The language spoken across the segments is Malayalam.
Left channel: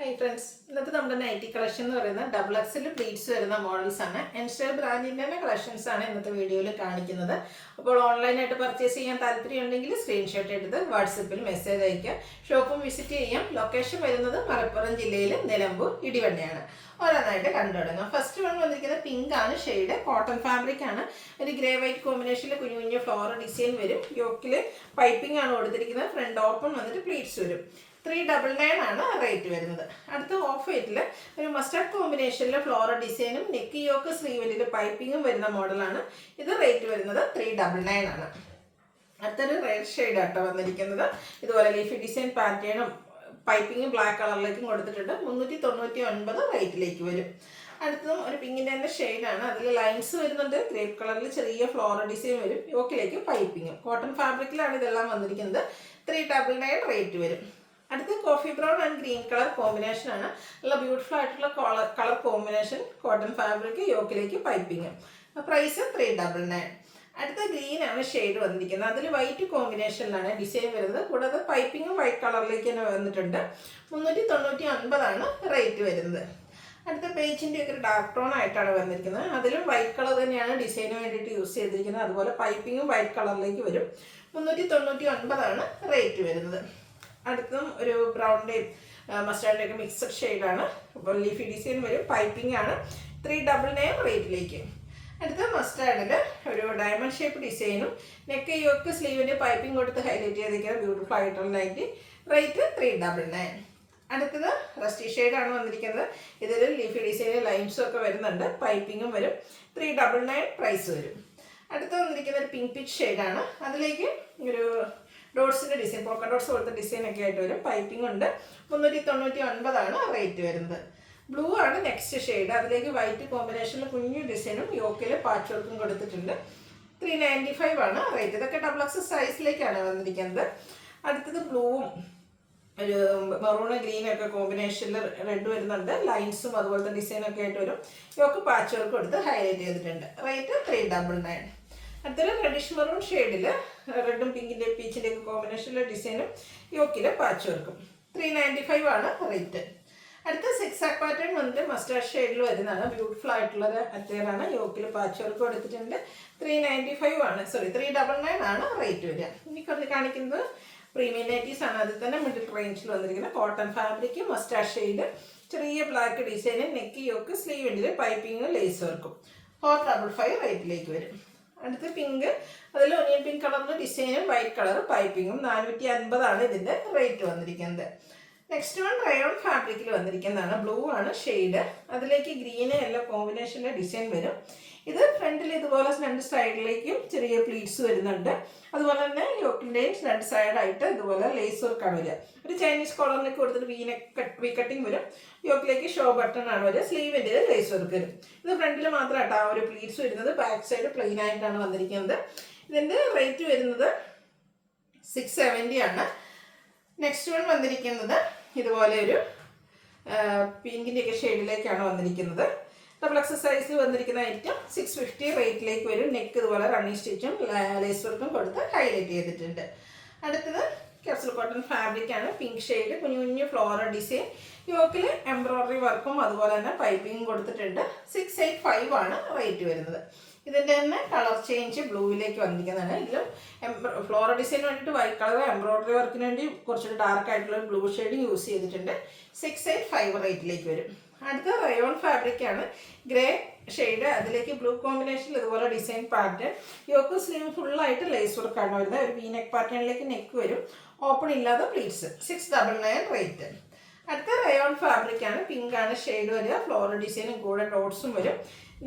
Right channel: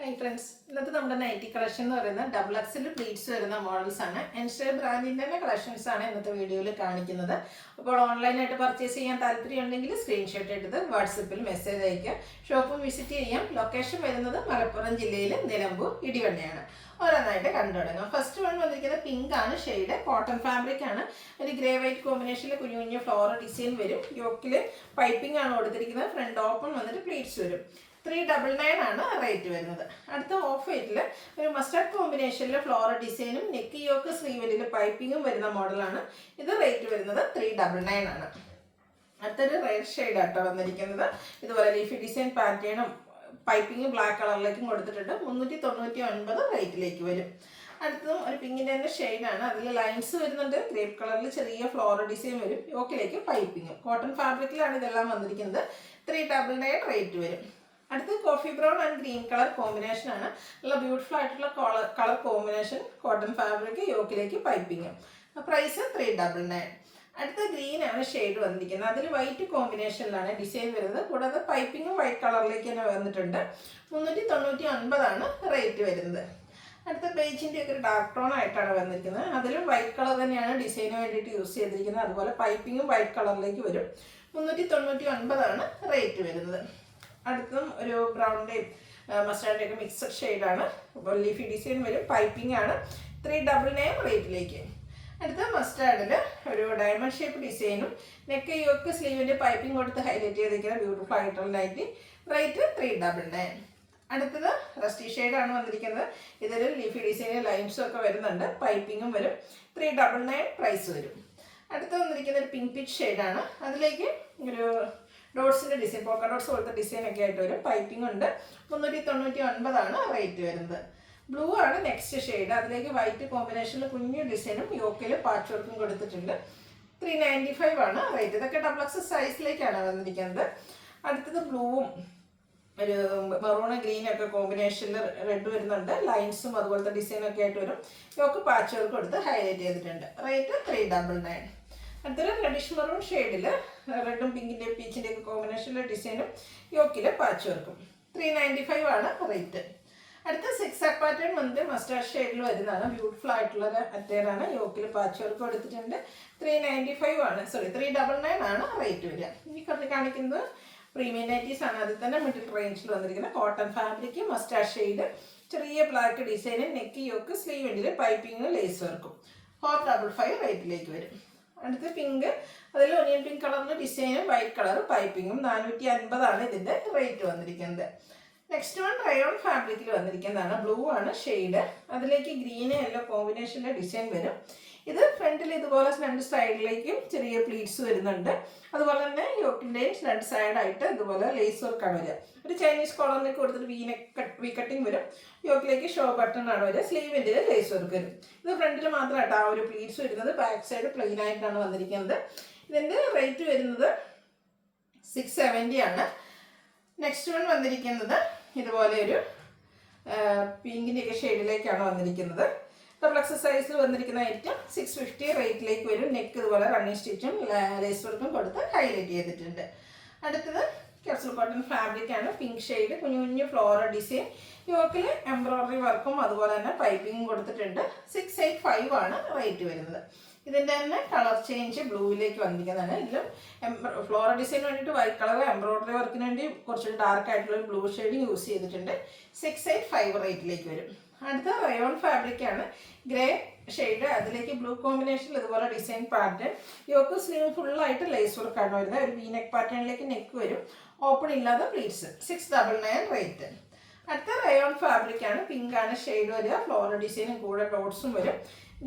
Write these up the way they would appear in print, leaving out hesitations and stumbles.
ഹായ് ഫ്രണ്ട്സ്, ഇന്നത്തെ നമ്മുടെ നൈറ്റി കളക്ഷൻ എന്ന് പറയുന്നത് ഡബിൾ എക്സിൽ പ്ലീറ്റ്സ് വരുന്ന മോഡൽസ് ആണ്. എൻസ്റ്റർ ബ്രാൻഡിൻ്റെ തന്നെ കളക്ഷൻസ് ആണ് ഇന്നത്തെ വീഡിയോയിൽ കാണിക്കുന്നത്. അപ്പോൾ ഓൺലൈനായിട്ട് പർച്ചേസ് ചെയ്യാൻ താല്പര്യമുണ്ടെങ്കിൽ സ്ക്രീൻഷോട്ട് എടുത്ത് വാട്സപ്പിൽ മെസ്സേജ് അയക്കുക. ഷോപ്പും വിസിറ്റ് ചെയ്യാം. ലൊക്കേഷൻ വരുന്നത് മലപ്പുറം ജില്ലയിൽ നിലമ്പൂർ ഇടിവണ്ണയാണ്. ഓരോന്നായിട്ട് കണ്ടു തുടങ്ങാം. ഫസ്റ്റ് വൺ വന്നിരിക്കുന്നത് പിങ്ക് ആണ് ഷെയ്ഡ്. കോട്ടൺ ഫാബ്രിക് ആണ്. ഒരു ഗ്രേ വൈറ്റ് കോമ്പിനേഷനിൽ കുഞ്ഞു കുഞ്ഞു ഫ്ലോറൽ ഡിസൈൻ വരും. യോക്കിൽ പൈപ്പിംഗ് ആണ് കൊടുത്തിരിക്കുന്നത്. ഫ്രണ്ട് ഓപ്പൺ വന്നിട്ട് പ്ലീറ്റ്സ് വരും. 399 ആണ് റേറ്റ് വരുന്നത്. അടുത്ത ഓഫ് വൈറ്റിൽ ഒരു മസ്റ്റാർഡ് കോമ്പിനേഷനിൽ ഫ്ലോറൽ ഡിസൈനും നെക്ക് യോക്ക് സ്ലീവലിൽ പൈപ്പിങ്ങും വരുന്ന മോഡലാണ്. ഇത് റേറ്റ് വരുന്നത് 399 ആണ്. അടുത്തൊരു റെഡ് ഷെയ്ഡ് ആട്ടോ വന്നിരിക്കുന്നത്. ഇതുപോലെ ലീഫി ഡിസൈൻ പാറ്റേണും പൈപ്പിങ്ങും ബ്ലാക്ക് കളറിലേക്കും കൊടുത്തിട്ടുണ്ട്. 399 റേറ്റിലേക്ക് വരും. അടുത്തതും ഒരു പിങ്കിൻ്റെ തന്നെ ഷെയ്ഡാണ്. അതിൽ ലൈൻസ് വരുന്നുണ്ട്. ഗ്രേപ്പ് കളറിൽ ചെറിയ ഫ്ലോറൽ ഡിസൈൻ വരും. യോക്കിലേക്ക് പൈപ്പിങ്ങും. കോട്ടൺ ഫാബ്രിക്കിലാണ് ഇതെല്ലാം വന്നിരിക്കുന്നത്. 399 റേറ്റ് വരും. അടുത്ത് coffee brown and green colour combination ആണ്. നല്ല ബ്യൂട്ടിഫുൾ ആയിട്ടുള്ള കളർ കോമ്പിനേഷൻ. കോട്ടൺ ഫാബ്രിക്, യോക്കിലേക്ക് പൈപ്പിങ്. പ്രൈസ് 399. അടുത്ത ഗ്രീൻ ആണ് ഷെയ്ഡ് വന്നിരിക്കുന്നത്. അതിൽ വൈറ്റ് കോമ്പിനേഷനിലാണ് ഡിസൈൻ വരുന്നത്. കൂടാതെ പൈപ്പിങ്ങും വൈറ്റ് കളറിലേക്ക് തന്നെ വന്നിട്ടുണ്ട്. 399 ആണ് റേറ്റ് വരുന്നത്. അടുത്ത പേജിൻ്റെ ഒക്കെ ഒരു ഡാർക്ക് ടോൺ ആയിട്ടാണ് വന്നിരിക്കുന്നത്. അതിലും വൈറ്റ് കളർ തന്നെയാണ് ഡിസൈന് വേണ്ടിയിട്ട് യൂസ് ചെയ്തിരിക്കുന്നത്. അതുപോലെ പൈപ്പിങ്ങും വൈറ്റ് കളറിലേക്ക് വരും. 399 ആണ് റേറ്റ് വരുന്നത്. അടുത്തും ഒരു ബ്രൗണിൻ്റെയും മസ്റ്റാർഡിൻ്റെയൊക്കെ മിക്സഡ് ഷെയ്ഡാണ്. അപ്പോൾ ലീഫി ഡിസൈൻ വരും. പൈപ്പിംഗ് ആണ്. 399 റേറ്റിലേക്ക്. അടുത്ത മസ്റ്റാർഡിൽ ഒരു ഡയമണ്ട് ഷേപ്പ് ഡിസൈനും നെക്ക് യോക്ക് സ്ലീവിൻ്റെ പൈപ്പിംഗ് കൊടുത്ത് ഹൈലൈറ്റ് ചെയ്തിരിക്കുന്ന ബ്യൂട്ടിഫുൾ ആയിട്ടുള്ള നൈറ്റി. റേറ്റ് 399. അടുത്തത് റസ്റ്റി ഷെയ്ഡാണ് വന്നിരിക്കുന്നത്. ഇതിൽ ലീഫി ഡിസൈനിൽ ലൈൻസും ഒക്കെ വരുന്നുണ്ട്. പൈപ്പിങ്ങും വരും. 399 പ്രൈസ് വരും. അടുത്ത് വന്നിരിക്കുന്ന ഒരു പിങ്ക് പിച്ച് ഷെയ്ഡാണ്. അതിലേക്ക് ഒരു ഡോട്ട്സിൻ്റെ ഡിസൈൻ, പോക്ക ഡോട്ട്സ് പോലത്തെ ഡിസൈനൊക്കെ ആയിട്ട് വരും. പൈപ്പിംഗ് ഉണ്ട്. 399 ആണ് റേറ്റ് വരുന്നത്. ബ്ലൂ ആണ് നെക്സ്റ്റ് ഷെയ്ഡ്. അതിലേക്ക് വൈറ്റ് കോമ്പിനേഷനിൽ കുഞ്ഞു ഡിസൈനും യോക്കിൽ പാച്ച് വർക്കും കൊടുത്തിട്ടുണ്ട്. 395 ആണ് റേറ്റ്. ഇതൊക്കെ ഡബിൾ എക്സ് സൈസിലേക്കാണ് വന്നിരിക്കുന്നത്. അടുത്തത് ബ്ലൂവും ഒരു മെറൂൺ ഗ്രീനൊക്കെ കോമ്പിനേഷനിൽ റെഡ് വരുന്നുണ്ട്. ലൈൻസും അതുപോലത്തെ ഡിസൈനൊക്കെ ആയിട്ട് വരും. യോക്ക് പാച്ച് വർക്ക് കൊടുത്ത് ഹൈലൈറ്റ് ചെയ്തിട്ടുണ്ട്. റേറ്റ് 399. അടുത്തൊരു റെഡിഷ് മെറൂൺ ഷെയ്ഡിൽ റെഡും പിങ്കിൻ്റെ പീച്ചിൻ്റെ ഒക്കെ കോമ്പിനേഷനിലെ ഡിസൈനും യോക്കിൽ പാച്ച് വർക്കും. 395 ആണ് റേറ്റ്. അടുത്ത സിക്സ് ആക്ക് പാറ്റേൺ വന്നിട്ട് മസ്റ്റാർഡ് ഷെയ്ഡിൽ വരുന്നതാണ്. ബ്യൂട്ടിഫുൾ ആയിട്ടുള്ളത് അറ്റയറാണ്. യോക്കിൽ പാച്ച് വർക്ക് കൊടുത്തിട്ടുണ്ട്. 399 ആണ് റേറ്റ് വരിക. ഇനി കാണിക്കുന്നത് പ്രീമിയം നൈറ്റീസ് ആണ്. അതിൽ തന്നെ മിഡിൽ റേഞ്ചിൽ വന്നിരിക്കുന്നത് കോട്ടൺ ഫാബ്രിക്, മസ്റ്റാർഡ് ഷെയ്ഡ്, ചെറിയ ബ്ലാക്ക് ഡിസൈന്, നെക്ക് യോക്ക് സ്ലീവിൻ്റെ പൈപ്പിങ്ങും ലേസ് വർക്കും. 455 റേറ്റിലേക്ക് വരും. അടുത്ത് പിങ്ക്, അതിൽ ഒനിയൻ പിങ്ക് കളറിൻ്റെ ഡിസൈനും വൈറ്റ് കളർ പൈപ്പിങ്ങും. 450 ആണ് ഇതിൻ്റെ റേറ്റ് വന്നിരിക്കുന്നത്. നെക്സ്റ്റ് വൺ റയോൺ ഫാബ്രിക്കിൽ വന്നിരിക്കുന്നതാണ്. ബ്ലൂ ആണ് ഷെയ്ഡ്. അതിലേക്ക് ഗ്രീന് യെല്ലോ കോമ്പിനേഷൻ്റെ ഡിസൈൻ വരും. ഇത് ഫ്രണ്ടിൽ ഇതുപോലെ രണ്ട് സൈഡിലേക്കും ചെറിയ പ്ലീറ്റ്സ് വരുന്നുണ്ട്. അതുപോലെ തന്നെ യോക്കിൻ്റെയും രണ്ട് സൈഡായിട്ട് ഇതുപോലെ ലേസ് വർക്കാണ് വരിക. ഒരു ചൈനീസ് കോളറിനൊക്കെ കൊടുത്തിട്ട് വി കട്ടിങ് വരും. യോക്കിലേക്ക് ഷോ ബട്ടൺ ആണ് വരിക. സ്ലീവിൻ്റെ ലേസ് വർക്ക് വരും. ഇത് ഫ്രണ്ടിൽ മാത്രമായിട്ട് ആ ഒരു പ്ലീറ്റ്സ് വരുന്നത്. ബാക്ക് സൈഡ് പ്ലെയിൻ ആയിട്ടാണ് വന്നിരിക്കുന്നത്. ഇതിൻ്റെ റേറ്റ് വരുന്നത് 670 ആണ്. നെക്സ്റ്റ് വൺ വന്നിരിക്കുന്നത് ഇതുപോലെ ഒരു പിങ്കിൻ്റെയൊക്കെ ഷെയ്ഡിലേക്കാണ് വന്നിരിക്കുന്നത്. ഡബിൾ എക്സ് സൈസിൽ വന്നിരിക്കുന്ന ഐറ്റം 650 റേറ്റിലേക്ക് വരും. നെക്ക് ഇതുപോലെ റണ്ണിങ് സ്റ്റിച്ചും ലേസ് വർക്കും കൊടുത്ത് ഹൈലൈറ്റ് ചെയ്തിട്ടുണ്ട്. അടുത്തത് ക്യാപ്സൂൾ കോട്ടൺ ഫാബ്രിക് ആണ്. പിങ്ക് ഷെയ്ഡ്, കുഞ്ഞു കുഞ്ഞു ഫ്ലോറൽ ഡിസൈൻ, യോക്കിൽ എംബ്രോയ്ഡറി വർക്കും അതുപോലെ തന്നെ പൈപ്പിങ്ങും കൊടുത്തിട്ടുണ്ട്. 685 ആണ് റേറ്റ് വരുന്നത്. ഇതിൻ്റെ തന്നെ കളർ ചേഞ്ച് ബ്ലൂവിലേക്ക് വന്നിരിക്കുന്നതാണ്. ഇതിലും ഫ്ലോറൽ ഡിസൈന് വേണ്ടിയിട്ട് വൈറ്റ് കളർ, എംബ്രോയ്ഡറി വർക്കിന് വേണ്ടി കുറച്ചുകൂടി ഡാർക്ക് ആയിട്ടുള്ള ബ്ലൂ ഷെയ്ഡിങ് യൂസ് ചെയ്തിട്ടുണ്ട്. 685 റേറ്റിലേക്ക് വരും. അടുത്ത റയോൺ ഫാബ്രിക് ആണ്. ഗ്രേ ഷെയ്ഡ്, അതിലേക്ക് ബ്ലൂ കോമ്പിനേഷനിൽ ഇതുപോലെ ഡിസൈൻ പാറ്റേൺ. യോക്ക് സ്ലീവ് ഫുള്ളായിട്ട് ലേസ് വർക്കാണ് വരുന്നത്. ഒരു വി നെക്ക് പാറ്റേണിലേക്ക് നെക്ക് വരും. ഓപ്പൺ ഇല്ലാതെ പ്ലീറ്റ്സ്. 699 റേറ്റ്. അടുത്ത റയോൺ ഫാബ്രിക് ആണ്. പിങ്ക് ആണ് ഷെയ്ഡ് വരിക. ഫ്ലോറൽ ഡിസൈനും കൂടെ ഡോട്ട്സും വരും.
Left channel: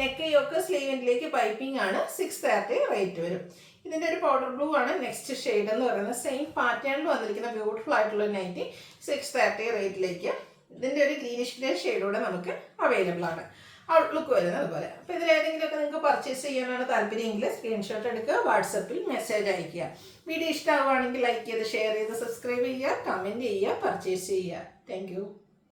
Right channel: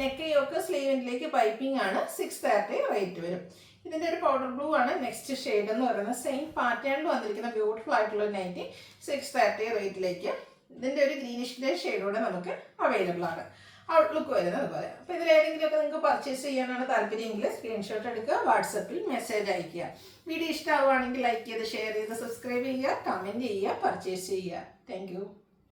നെക്ക് യോക്ക് സ്ലീവിലേക്ക് പൈപ്പിംഗ് ആണ്. 630 റേറ്റ് വരും. ഇതിൻ്റെ ഒരു പൗഡർ ബ്ലൂ ആണ് നെക്സ്റ്റ് ഷെയ്ഡ് എന്ന് പറയുന്നത്. സെയിം പാറ്റേണിൽ വന്നിരിക്കുന്ന ബ്യൂട്ടിഫുൾ ആയിട്ടുള്ള നൈറ്റി. 630 റേറ്റിലേക്ക്. ഇതിൻ്റെ ഒരു ഗ്രീനിഷിൻ്റെ ഷെയ്ഡൂടെ നമുക്ക് അവൈലബിൾ ആണ്. ഔട്ട്ലുക്ക് വരുന്നത് അതുപോലെ. അപ്പോൾ ഇതിലേതെങ്കിലുമൊക്കെ നിങ്ങൾക്ക് പർച്ചേസ് ചെയ്യാനാണ് താല്പര്യമെങ്കിൽ സ്ക്രീൻഷോട്ട് എടുക്കുക, വാട്സപ്പിൽ മെസ്സേജ് അയയ്ക്കുക. വീഡിയോ ഇഷ്ടമാവുകയാണെങ്കിൽ ലൈക്ക് ചെയ്ത് ഷെയർ ചെയ്ത് സബ്സ്ക്രൈബ് ചെയ്യുക, കമൻറ്റ് ചെയ്യുക, പർച്ചേസ് ചെയ്യുക. താങ്ക്